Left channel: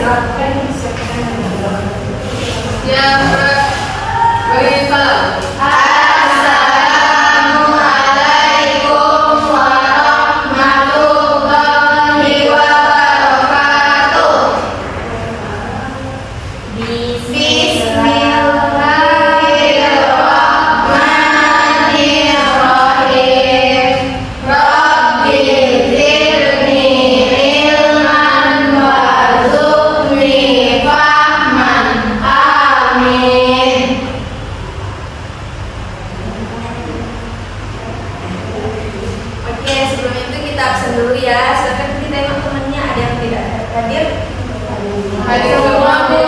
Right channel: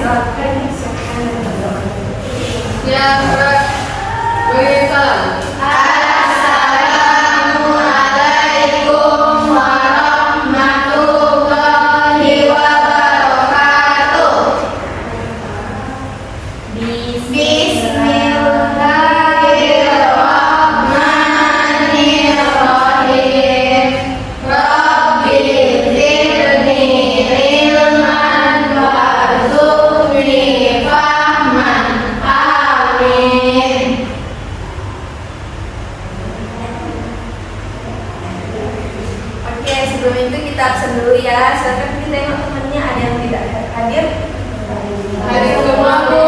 silakan siapa yang menjawab. Yang beri salam. Assalamualaikum warahmatullahi wabarakatuh. Bismillahirrahmanirrahim. Rabbi zidni ilman warzuqni fahman. Amin. Oke, sebelum itu kita absen dulu ya. Silakan kita tengok temannya ada yang tidak hadir. Hadir semua, Bu.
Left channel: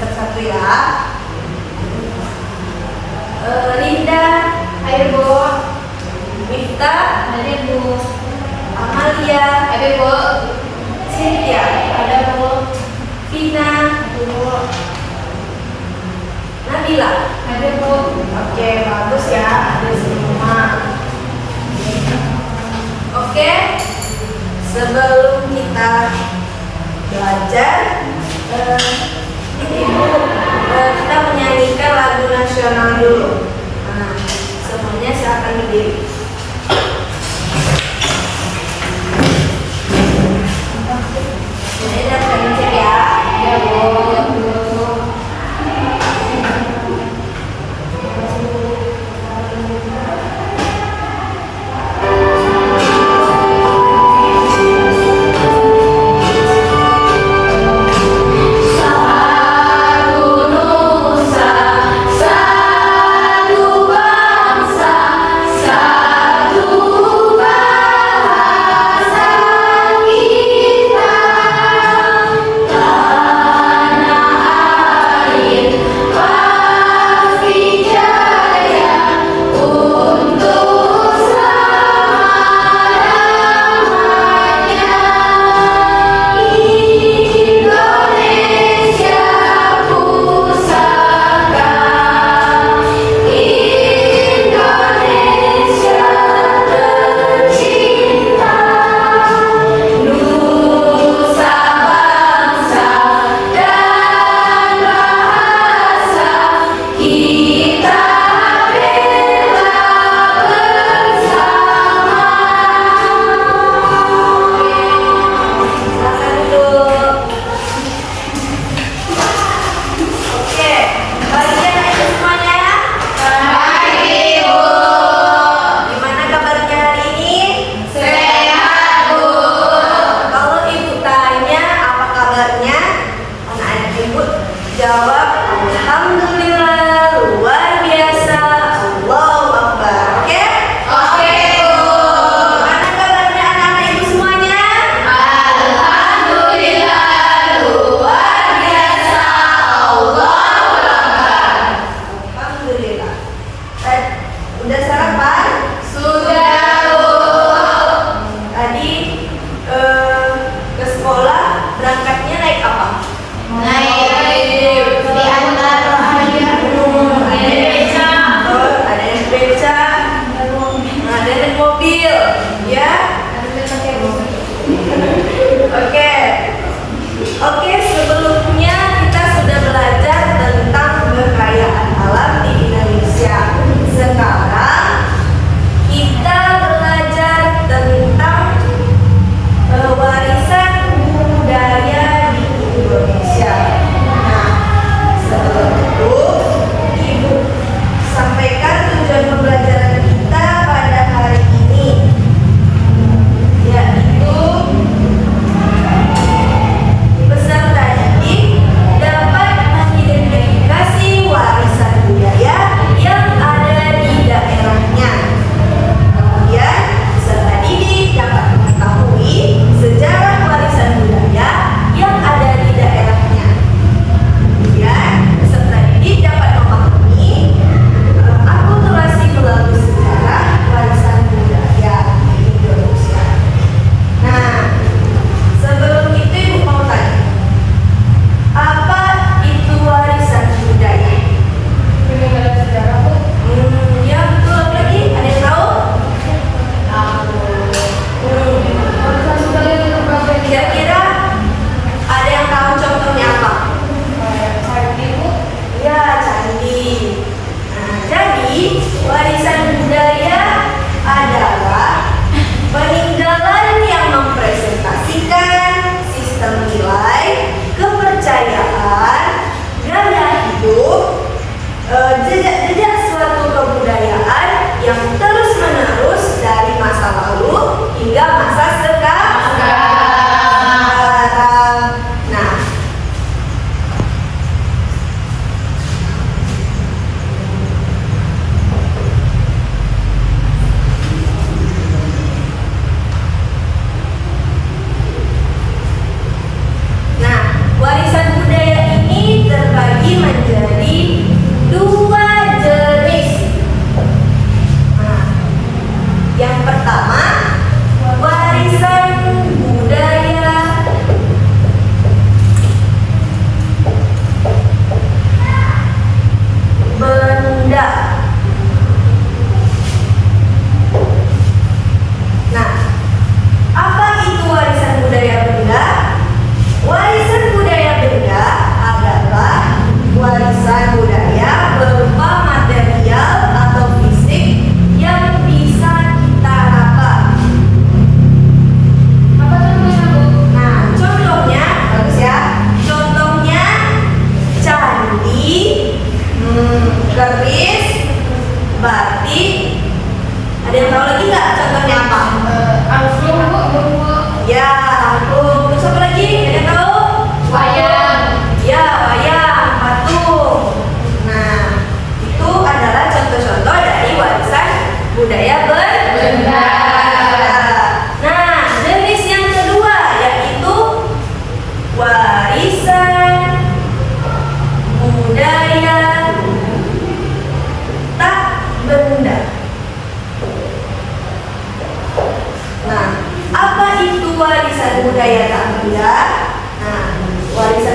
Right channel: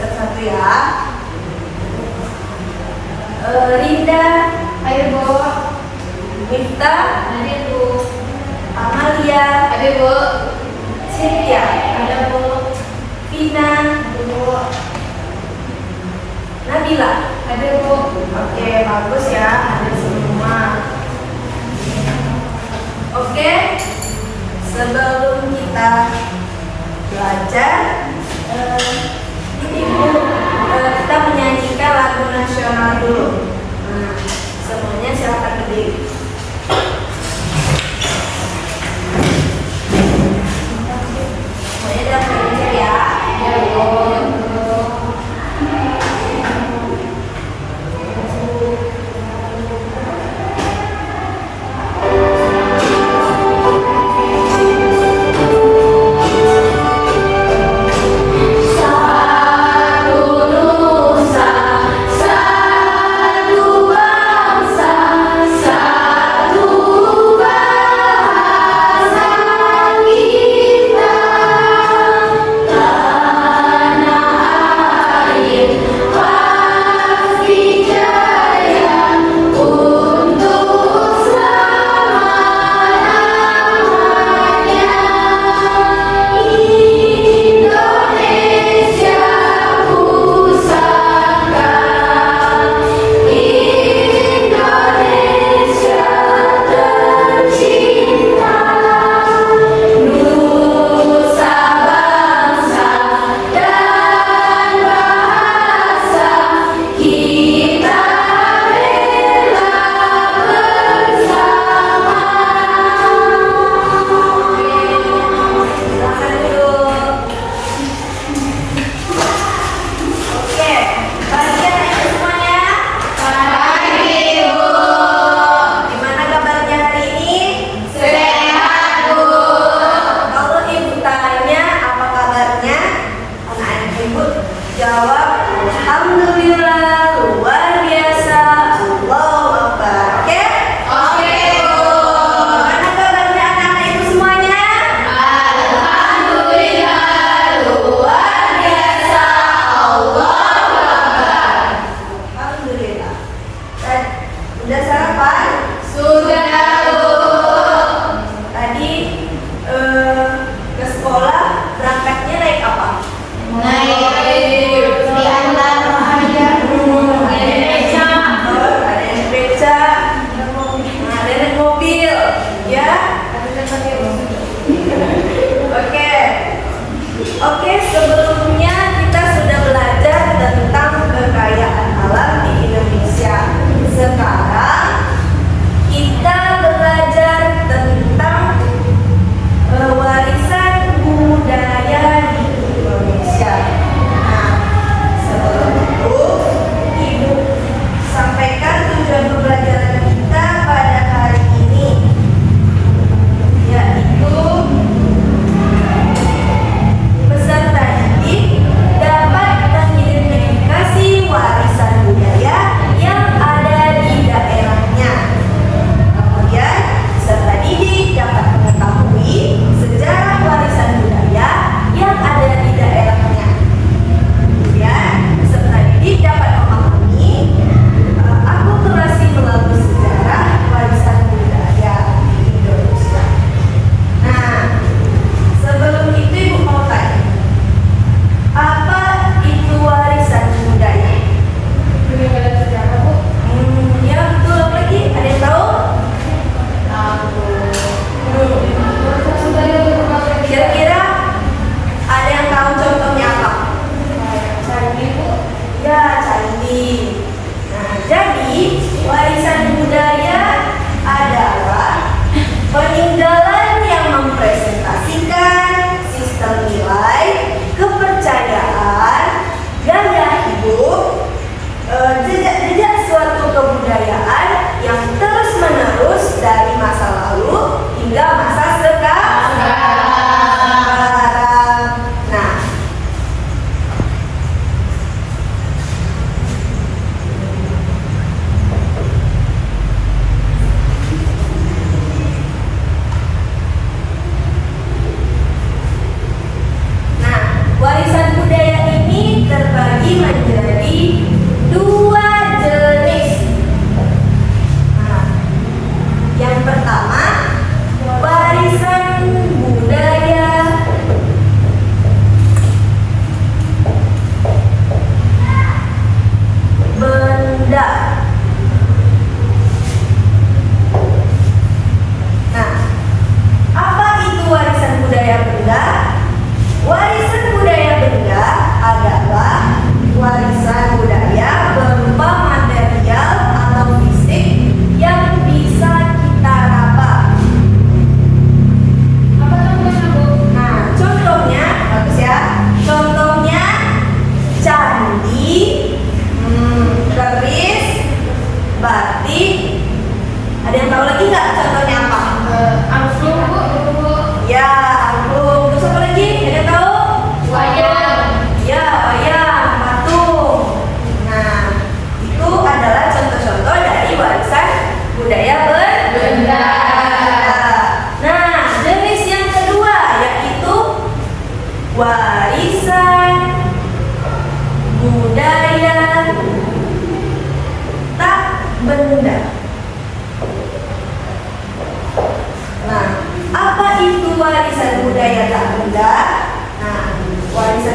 Satu-satu ya. Rinda, ayo Bu. Miftah, hadir Bu. Amalia, hadir Bu. Cynthia, ada Bu. Vina, Bu. Nabila, hadir Bu. Oke, bagus ya, hadir semua. Oke, sebelum kita belajar, ini Bu, kita menyanyikan lagu nasional dulu. Nah, semuanya silakan berdiri. Semuanya dapat dicek ya. Ya Bu. Jawab, alhamdulillah, luar biasa, Allahu Akbar. Oke? Oke, Bu. Gimana kabarnya anak-anak ibu semuanya? Alhamdulillah, luar biasa, Allahu Akbar. Alhamdulillah. Udah sarapan? Sudah, Bu. Tadi ke sekolah berangkatnya naik apa? Naik mobil, ya. Oke, sebelumnya kita sudah belajar tentang kekayaan alam di Indonesia. Sekarang kita belajar tentang warisan budaya di Indonesia. Nah,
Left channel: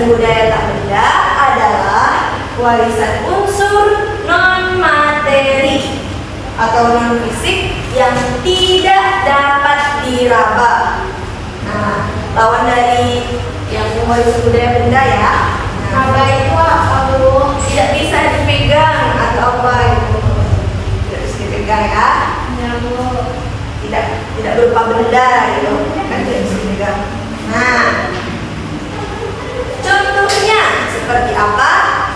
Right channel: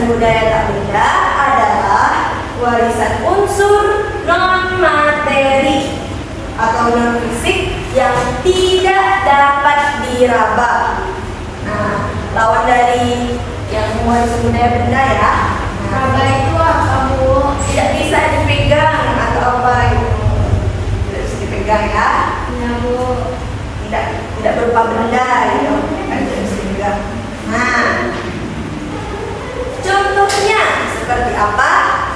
warisan budaya tak benda adalah warisan unsur non-materi atau non-fisik yang tidak dapat diraba. Nah, lawan dari yang warisan budaya benda ya. Raba itu apa, Bu? Tidak bisa dipegang atau apa itu? Tidak bisa dipegang ya. Ya, Bu. Tidak berupa benda gitu, kan tidak bisa dipegang. Nah, contohnya seperti apa?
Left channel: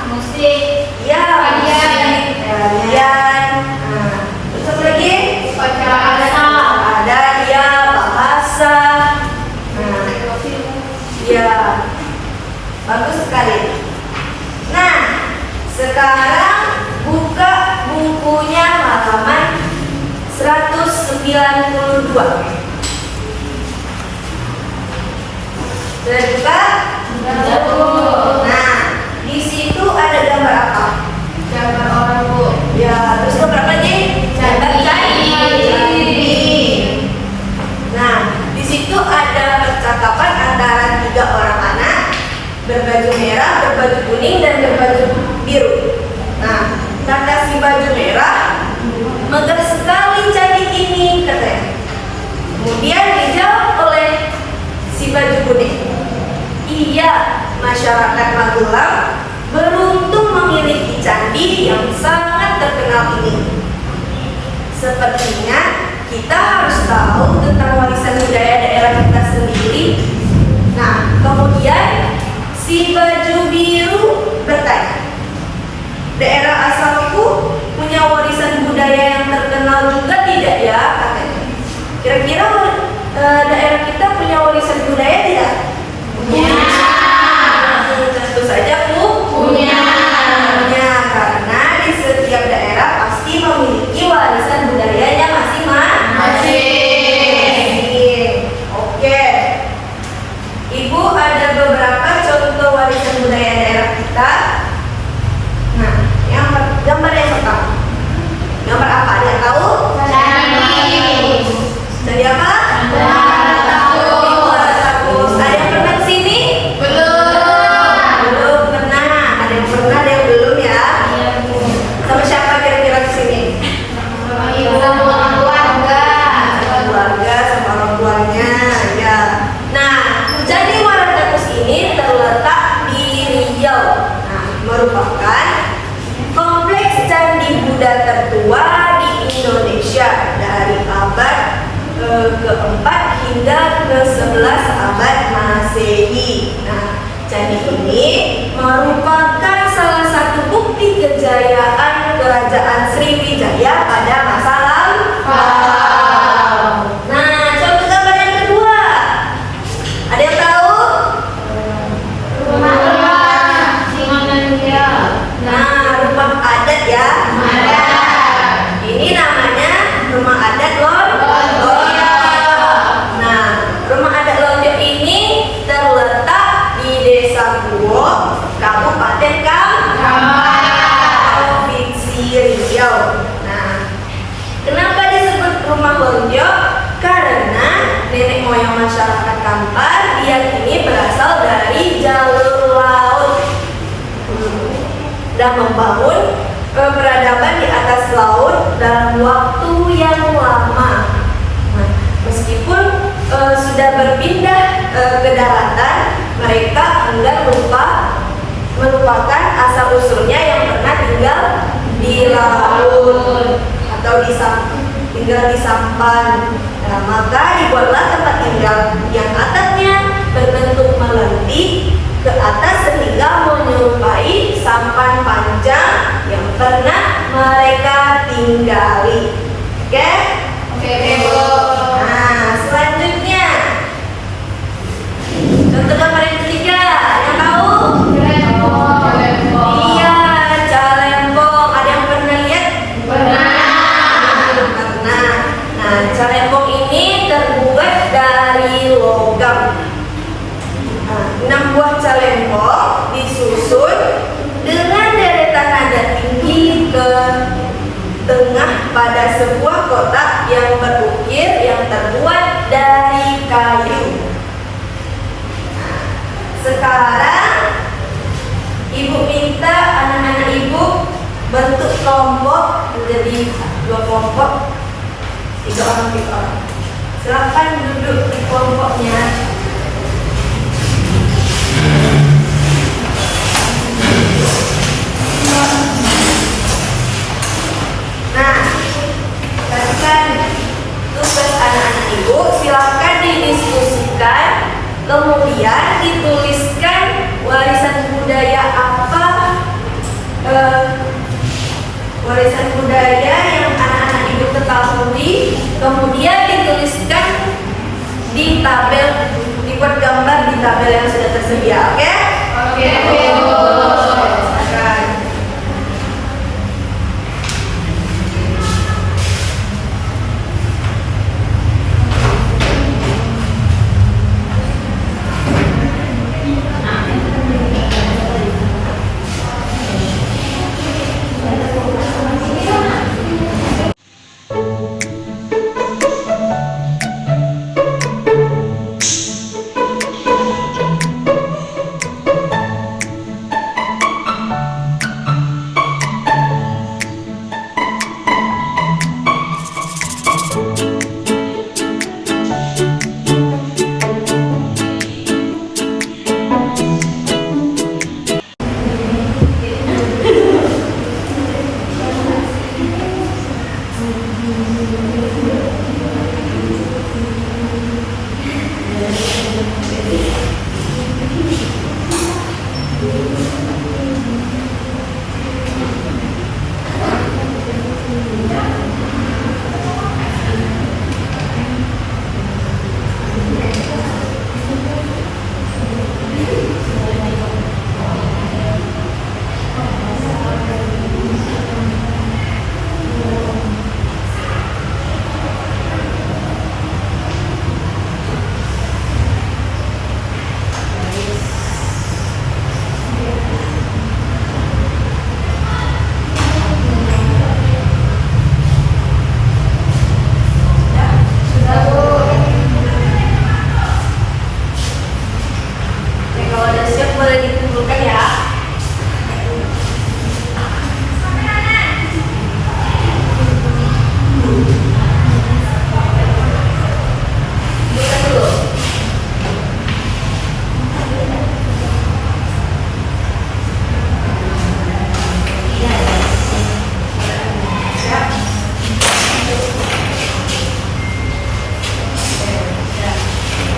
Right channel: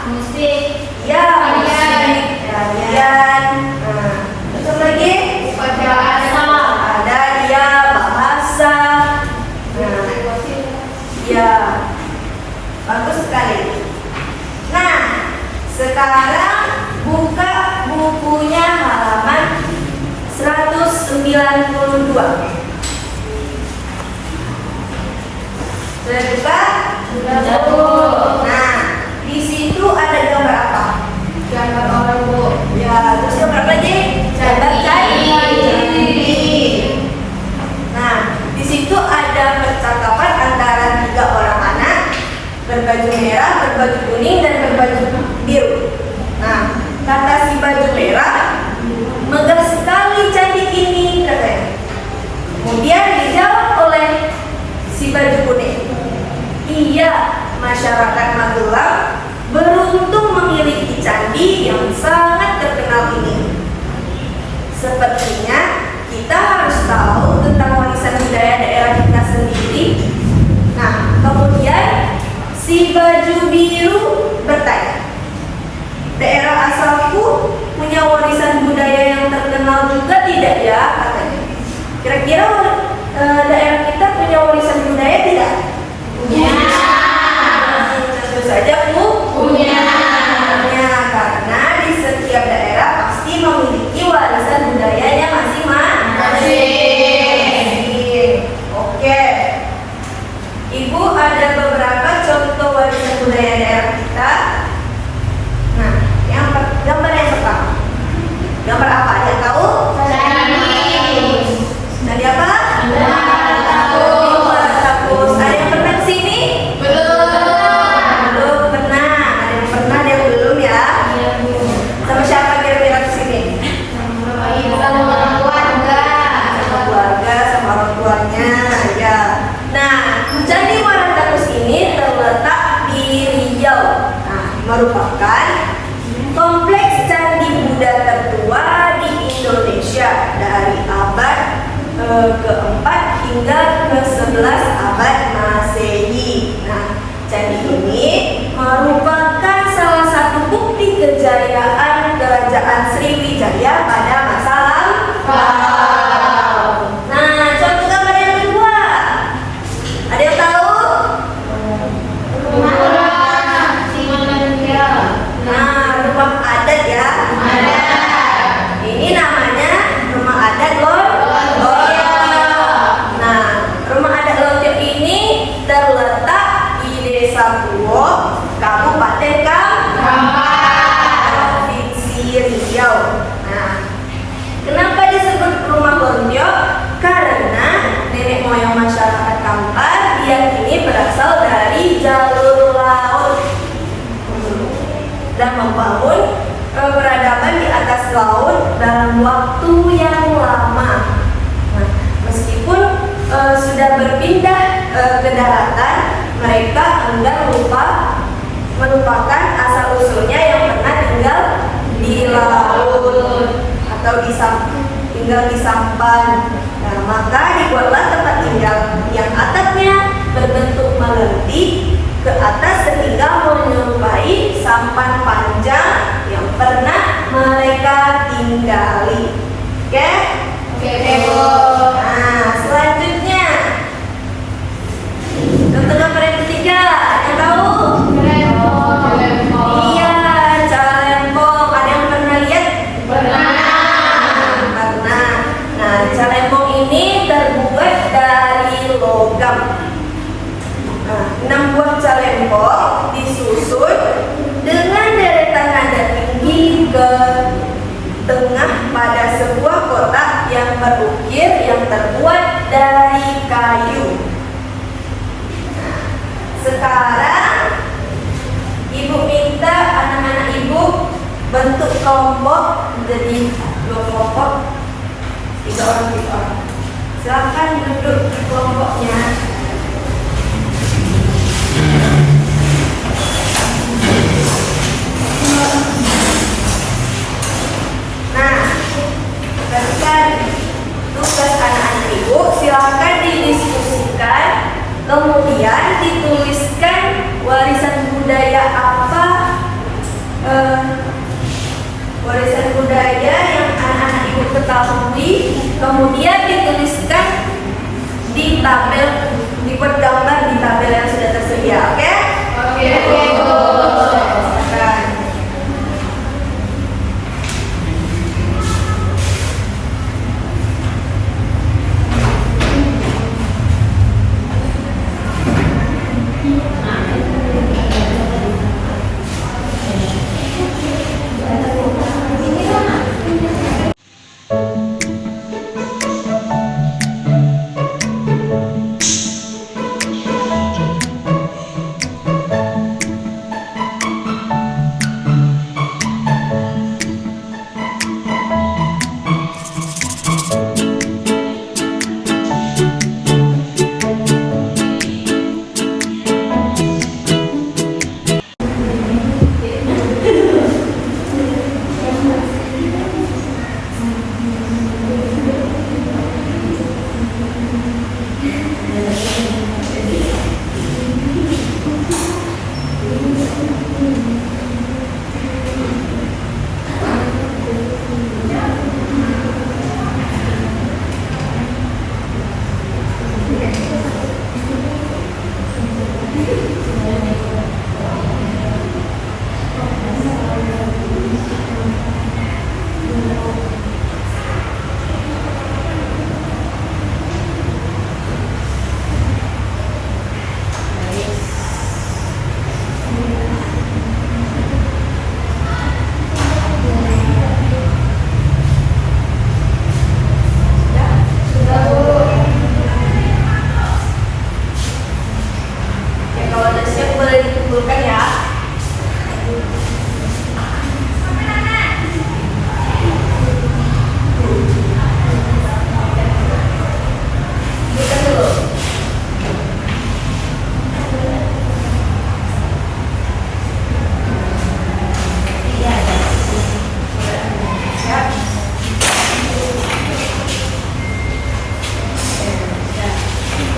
Musik. Ya, Tarian. tarian. Nah, terus lagi Bahasa. ada ya bahasa. Nah, ya, bagus sekali. Nah, sekarang buka bukunya halaman 192. Sudah buka? Sudah, Bu. Nah, di situ ada gambar apa? Gambar orang, Bu. Ya, terus gambar apa lagi? Gambar Candi. Nah, di situ ada percakapan antara 3 orang anak berbaju merah, berbaju kuning, dan berbaju biru. Nah, kata si baju merah, megah sekali candi ini, katanya. Kemudian dijawab oleh si baju kuning, iya, masyarakat Magelang beruntung memiliki candi yang sangat terkenal ini. Sepertinya kita harus tahu tentang warisan budaya daerah kita sendiri. Nah, kemudian si baju biru bertanya, daerah asalku punya warisan budaya yang terkenal juga tidak ya, katanya. Kira-kira daerah kita punya warisan budaya tidak? Punya. Tentu saja, Bu. Punya. Karena di setiap daerah pasti memiliki warisan budayanya masing-masing. Oke. Ibu ada beberapa contoh warisan budaya daerah kita. Nah, gambar yang pertama. Gambar apa? Ada yang tahu? Dari apa? Takus. Ada yang pernah kesini? Belum pernah. Ada yang pernah, ada yang belum ya? Sama siapa kira-kira kesini? Keluarga sama orang tuanya ya. Nah, jadi Muara Takus ini terletak di Riau. Nah, merupakan kompleks candi Buddha tertua di Indonesia dari abad keempat hingga ke-11 abad Masehi. Nah, candi ini merupakan salah satu bukti kejayaan Kerajaan Sriwijaya pada masa lampau. Nah, coba gambar yang kedua. Ada yang tahu? Nah, rumah adat ya. Ini namanya rumah adat Lonjong. Nah, rumah adat Lonjong ini terletak di Desa Puwo, Kabupaten Provinsi Riau. Nah, kenapa disebut rumah Lonjong? Karena nenek moyang masyarakat Kampar diyakini berasal dari jalur laut dan membangun peradaban di atas laut dalam waktu yang lama. Nah, meskipun sudah berpindah ke daratan, mereka enggak melupakan asal usulnya yang pernah tinggal di laut atau tinggal di sampan. Nah, maka dibuatlah tempat tinggal yang atapnya berbentuk melentik ke atas sehingga menyerupai sampan panjang yang pernah mereka tinggali. Oke? Oke, Bu. Nah, selanjutnya contoh gambar yang ketiga, ada yang tahu? Iya, Calempong. Ada yang pernah lihat? Pernah. Nah, Calempong ini terbuat dari logam. Nah, 6 buah calempong disusun dengan deretan nada tinggi ke tengah pada sebuah kotak yang berukir yang terbuat dari kayu. Sekarang bentuk kelompok menjadi 2 kelompok, 3 orang 3 orang. Silakan duduk di kelompoknya. Nah, berikan tugas anak-anak ibu, silahkan didiskusikan, kemudian dituliskan warisan budaya apa, warisan budaya yang anak-anak ibu ketahui, kemudian dituliskan di tabel, dibuat gambar di tabel yang sudah tersedia, oke? Oke, Bu. Silakan. Kalau udah siap boleh dikumpulkan ya. Bukan dulu.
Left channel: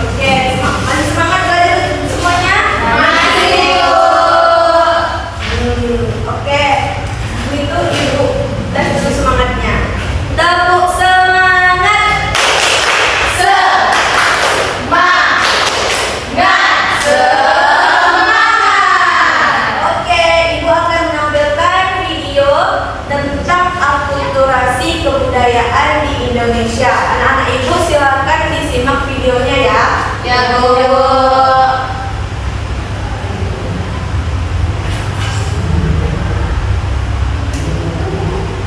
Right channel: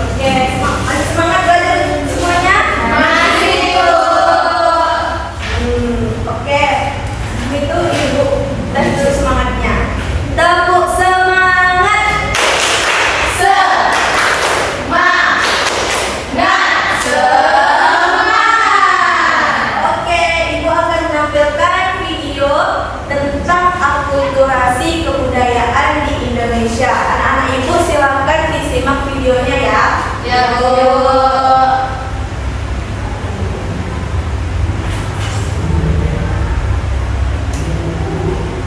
Oke, masih semangat belajar semuanya? Oke, itu ibu dan terus semangatnya. Tepuk semangat. Oke, ibu akan menampilkan video tentang akulturasi kebudayaan di Indonesia. Anak-anak ibu silakan disimak videonya ya. Ya, Bu.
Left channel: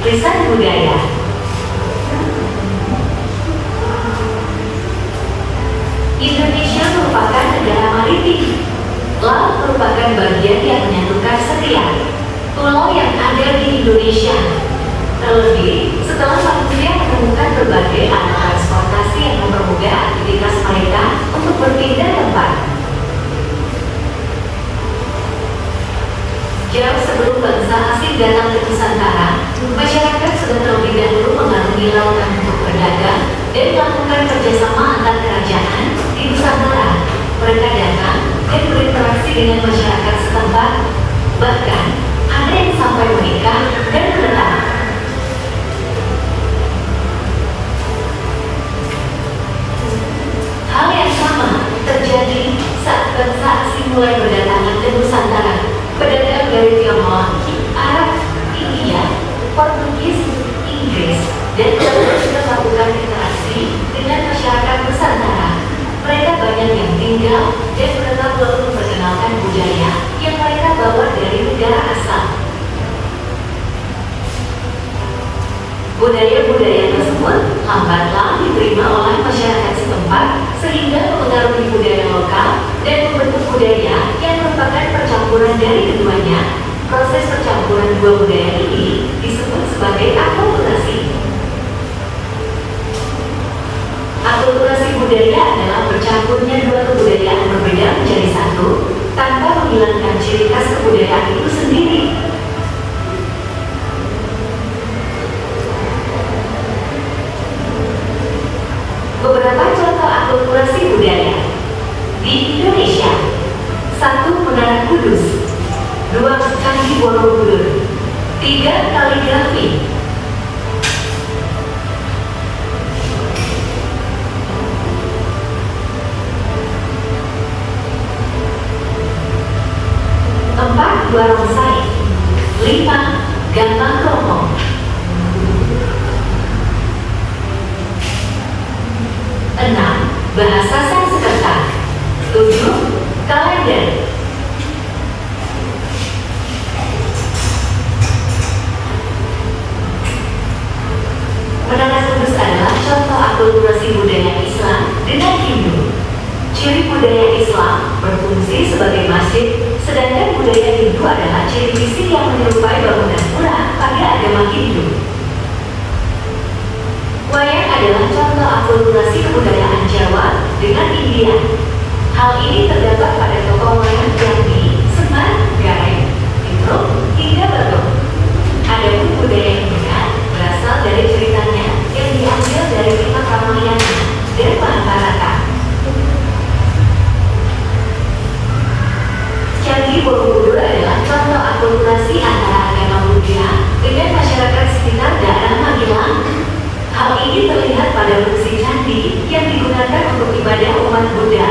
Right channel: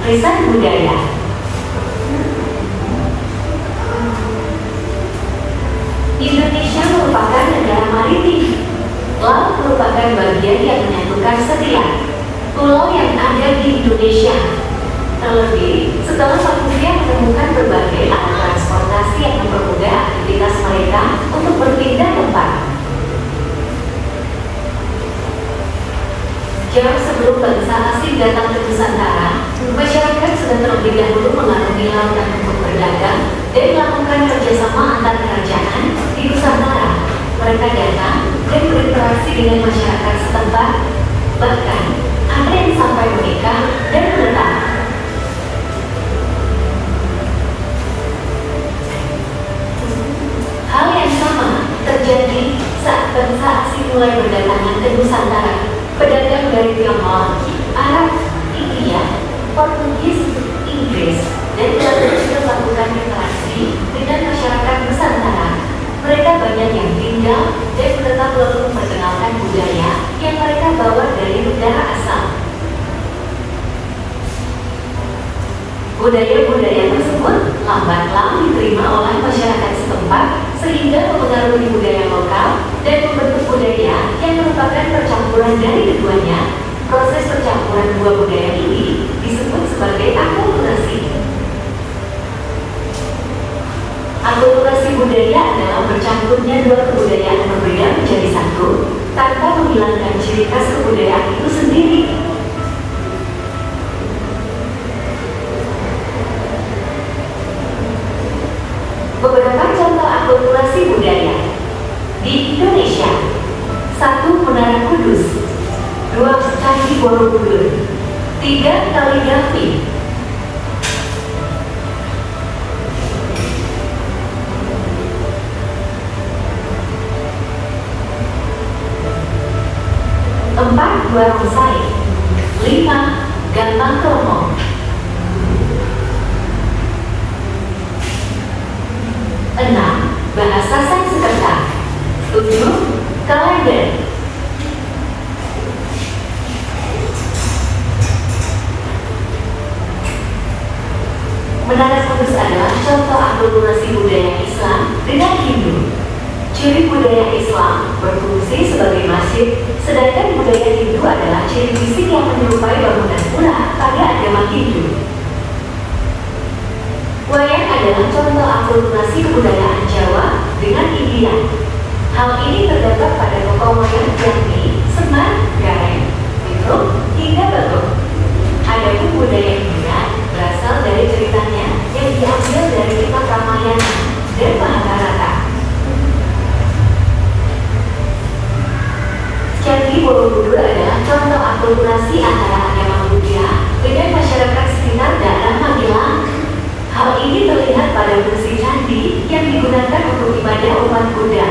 Riset budaya. Indonesia merupakan negara maritim. Laut merupakan bagian yang menyatukan setiap pulau yang ada di Indonesia. Terlebih, setelah manusia menemukan berbagai alat transportasi yang mempermudah aktivitas mereka untuk berpindah tempat. Jauh sebelum bangsa asing datang ke Nusantara, masyarakat sudah terlebih dahulu mengarungi lautan untuk berdagang dan melakukan kerjasama antar kerajaan di Nusantara. Mereka datang dan berinteraksi dengan masyarakat setempat, bahkan ada yang sampai menikah dan menetap. Hal yang sama terjadi saat bangsa asing mulai berdatangan ke Nusantara. Pedagang dari Tiongkok, Arab, India, Portugis, Inggris, dan terus melakukan interaksi dengan masyarakat Nusantara. Mereka banyak yang tinggal dan menetap lalu memperkenalkan budaya yang mereka bawa dari negara asal. Budaya-budaya tersebut lambatlah diterima oleh masyarakat setempat sehingga mempengaruhi budaya lokal dan membentuk budaya yang merupakan percampuran dari keduanya. Proses percampuran dua budaya ini sebagai akulturasi. Akulturasi budaya adalah bercampurnya dua kebudayaan berbeda menjadi satu tanpa menghilangkan ciri khas kebudayaan itu sendiri. Beberapa contoh akulturasi budaya di Indonesia: 1. Menara Kudus, 2. Candi Borobudur, 3. Kaligrafi. Empat, Barongsai. 5. Gambang Kromong. 6. Bahasa Sanskerta. 7. Kalender. Menara Kudus adalah contoh akulturasi budaya Islam dengan Hindu. Ciri budaya Islam berfungsi sebagai masjid, sedangkan budaya Hindu adalah ciri fisik yang menyerupai bangunan pura pada agama Hindu. Wayang adalah contoh akulturasi kebudayaan Jawa dengan India. Hal ini terdapat pada tokoh wayang Jambi, Semar, Gareng, Pitruk, hingga Batuk. Adapun budaya India berasal dari ceritanya yang diambil dari kitab Ramayana dan Mahabharata. Candi Borobudur adalah contoh akulturasi antara agama Buddha dengan masyarakat sekitar daerah Magelang. Hal ini terlihat pada fungsi candi yang digunakan untuk ibadah umat Buddha.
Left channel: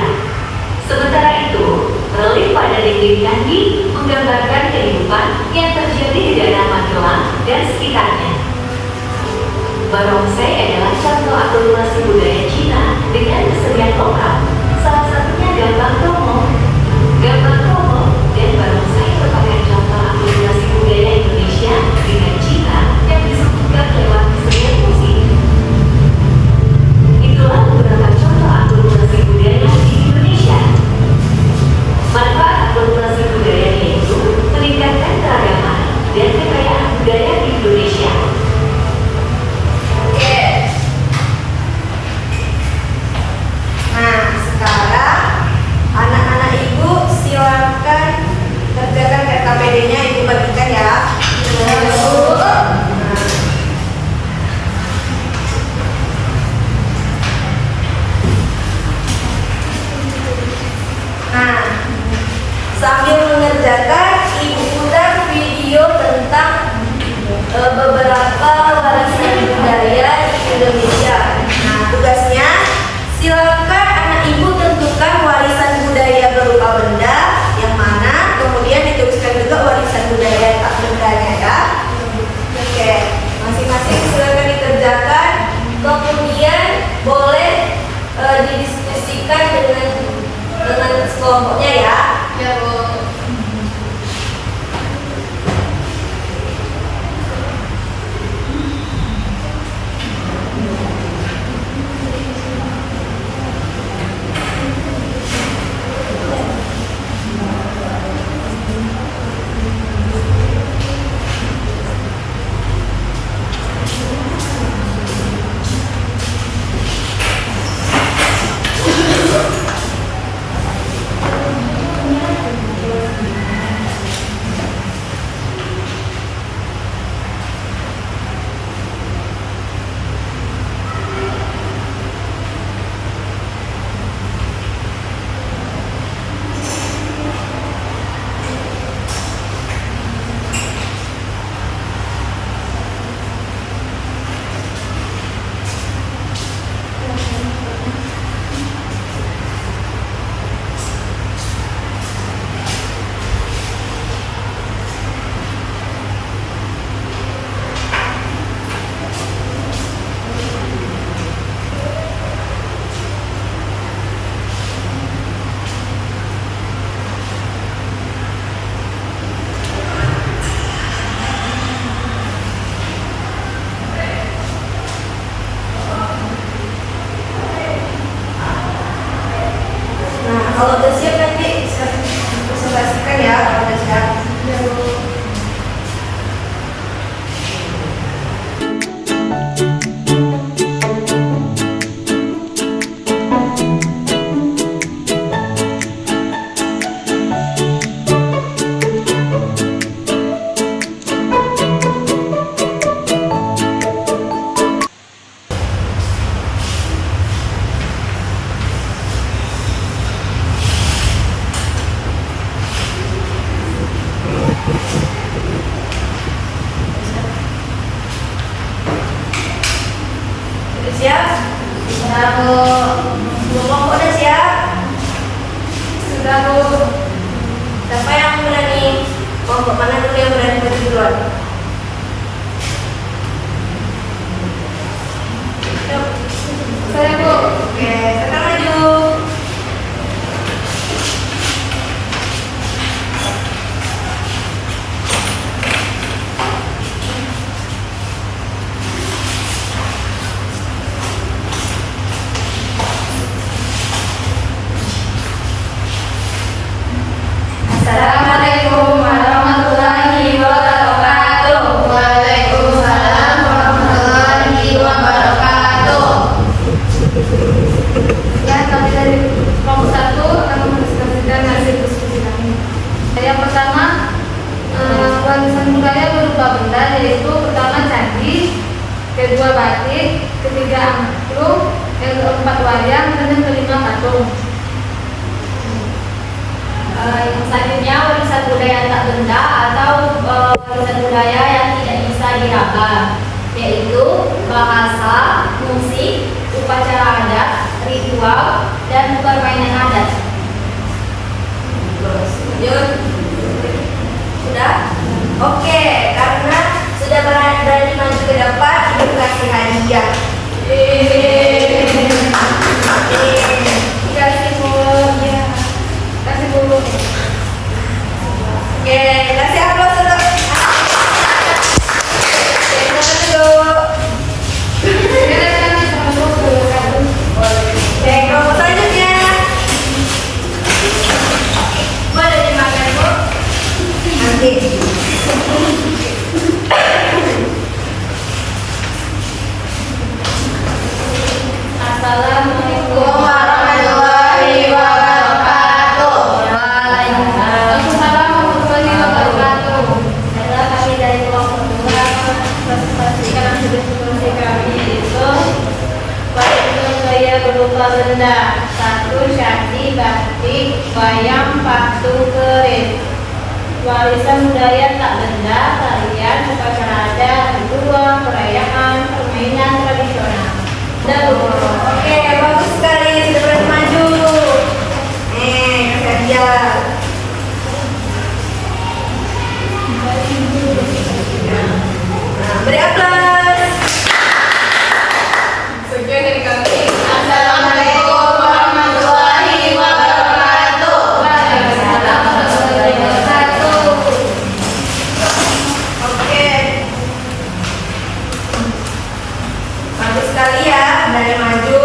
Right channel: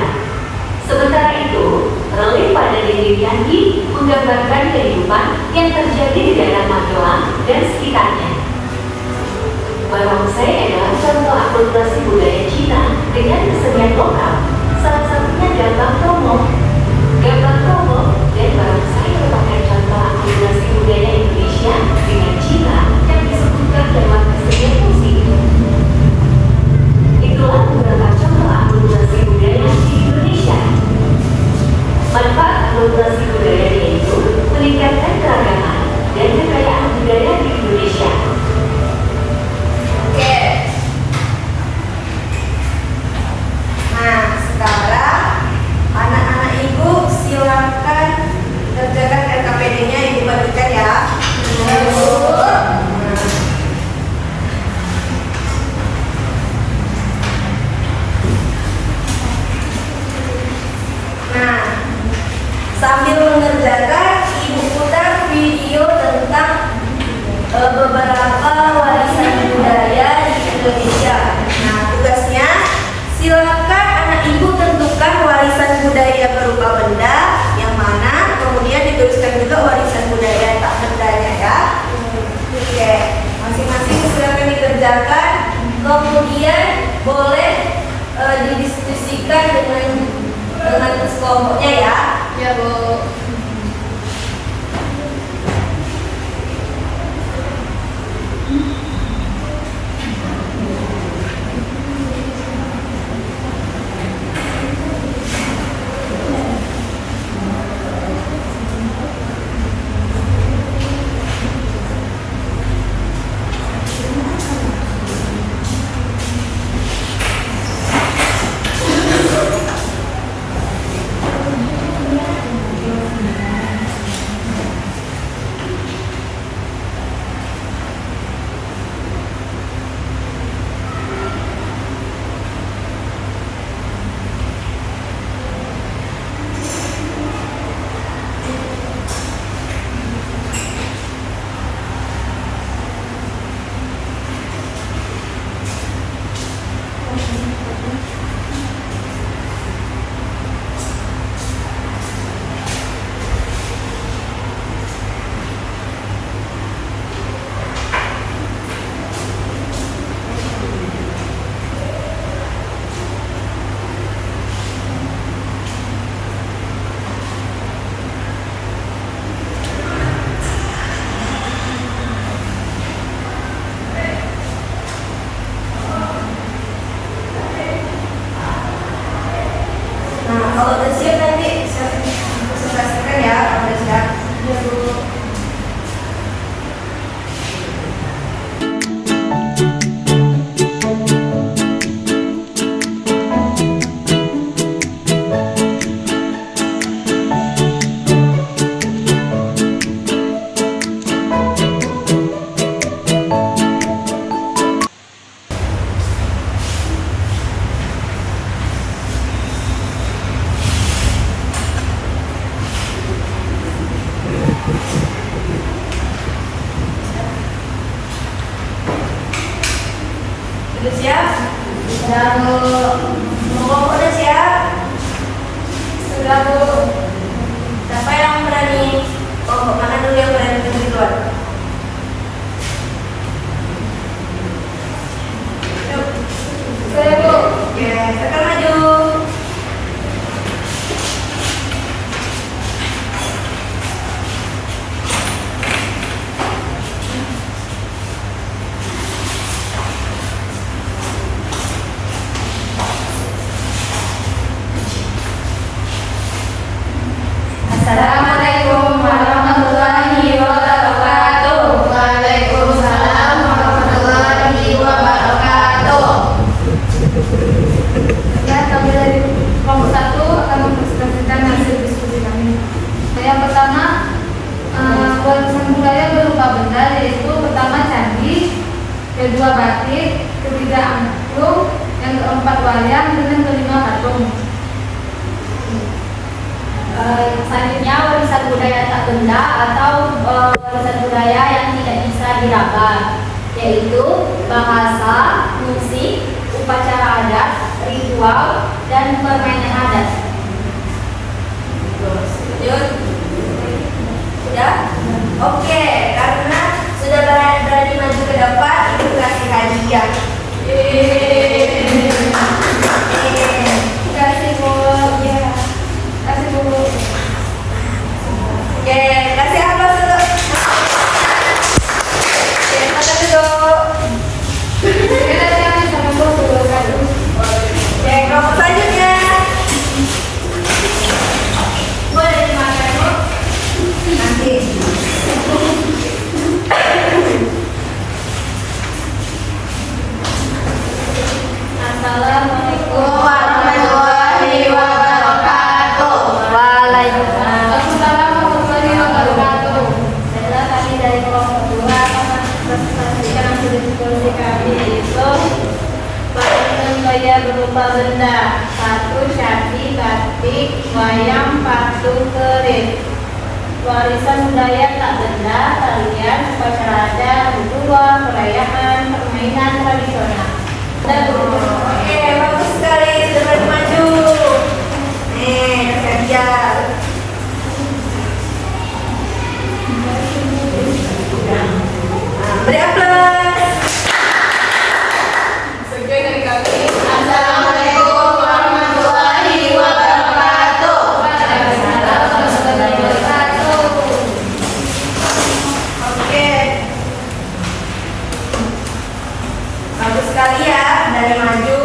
Sementara itu, relief pada dinding candi menggambarkan kehidupan yang terjadi di daerah Magelang dan sekitarnya. Barongsai adalah contoh akulturasi budaya Cina dengan kesenian lokal, salah satunya Gambang Kromong. Gambang Kromong dan Barongsai merupakan contoh akulturasi budaya Indonesia dengan Cina yang disebutkan lewat kesenian musik. Itulah beberapa contoh akulturasi budaya di Indonesia. Manfaat akulturasi budaya yaitu meningkatkan keragaman dan kekayaan budaya di Indonesia. Oke. Nah, sekarang anak-anak ibu silakan kerjakan RKPD-nya, ibu bagikan ya. Nah, sambil mengerjakan, ibu putar video tentang beberapa warisan budaya di Indonesia. Nah, tugasnya silakan anak ibu tentukan warisan budaya berupa benda yang mana, kemudian dituliskan juga warisan budaya tak bendanya ya. Oke, masing-masing silakan dikerjakan, kemudian boleh didiskusikan dengan kelompoknya ya. Ya, Bu. kedua batik, ketiga angklung, yang keempat wayang, dan yang kelima patung. Yang selanjutnya warisan budaya tak benda atau warisan budaya yang tidak bisa diraba, yaitu bahasa, musik, upacara adat, ritual, dan permainan adat. Lanjut. Sudah? Oke, karena sudah berani maju ke depan, ibu kasih hadiah. Kasih Bu. Ya. Kasih Bu. Oke, kasih aplaus dulu. Oke, makan dulu. Sekarang sama Bu. Oke, kelompok selanjutnya. Boleh dimakan Bu? Nanti. Assalamualaikum warahmatullahi wabarakatuh. Waalaikumsalam. Assalamualaikum warahmatullahi wabarakatuh. Adalah kami dari kelompok 2 akan presentasikan hasil diskusi kami, yaitu warisan budaya berupa benda. 1. Syati, batik, wayang, patung, keris. Warisan budaya tak benda, tarian, upacara adat, ritual, perayaan, permainan tradisional. Oke, bagus sekali, sudah berani maju. Nih, kasih hadiah. Beri aplaus. Sekian dari kami. Assalamualaikum warahmatullahi wabarakatuh. Oke. Bagus sekali ya, dari maju.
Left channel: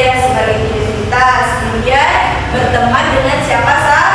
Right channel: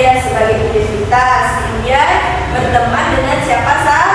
saya sebagai identitas. Kemudian berteman dengan siapa saja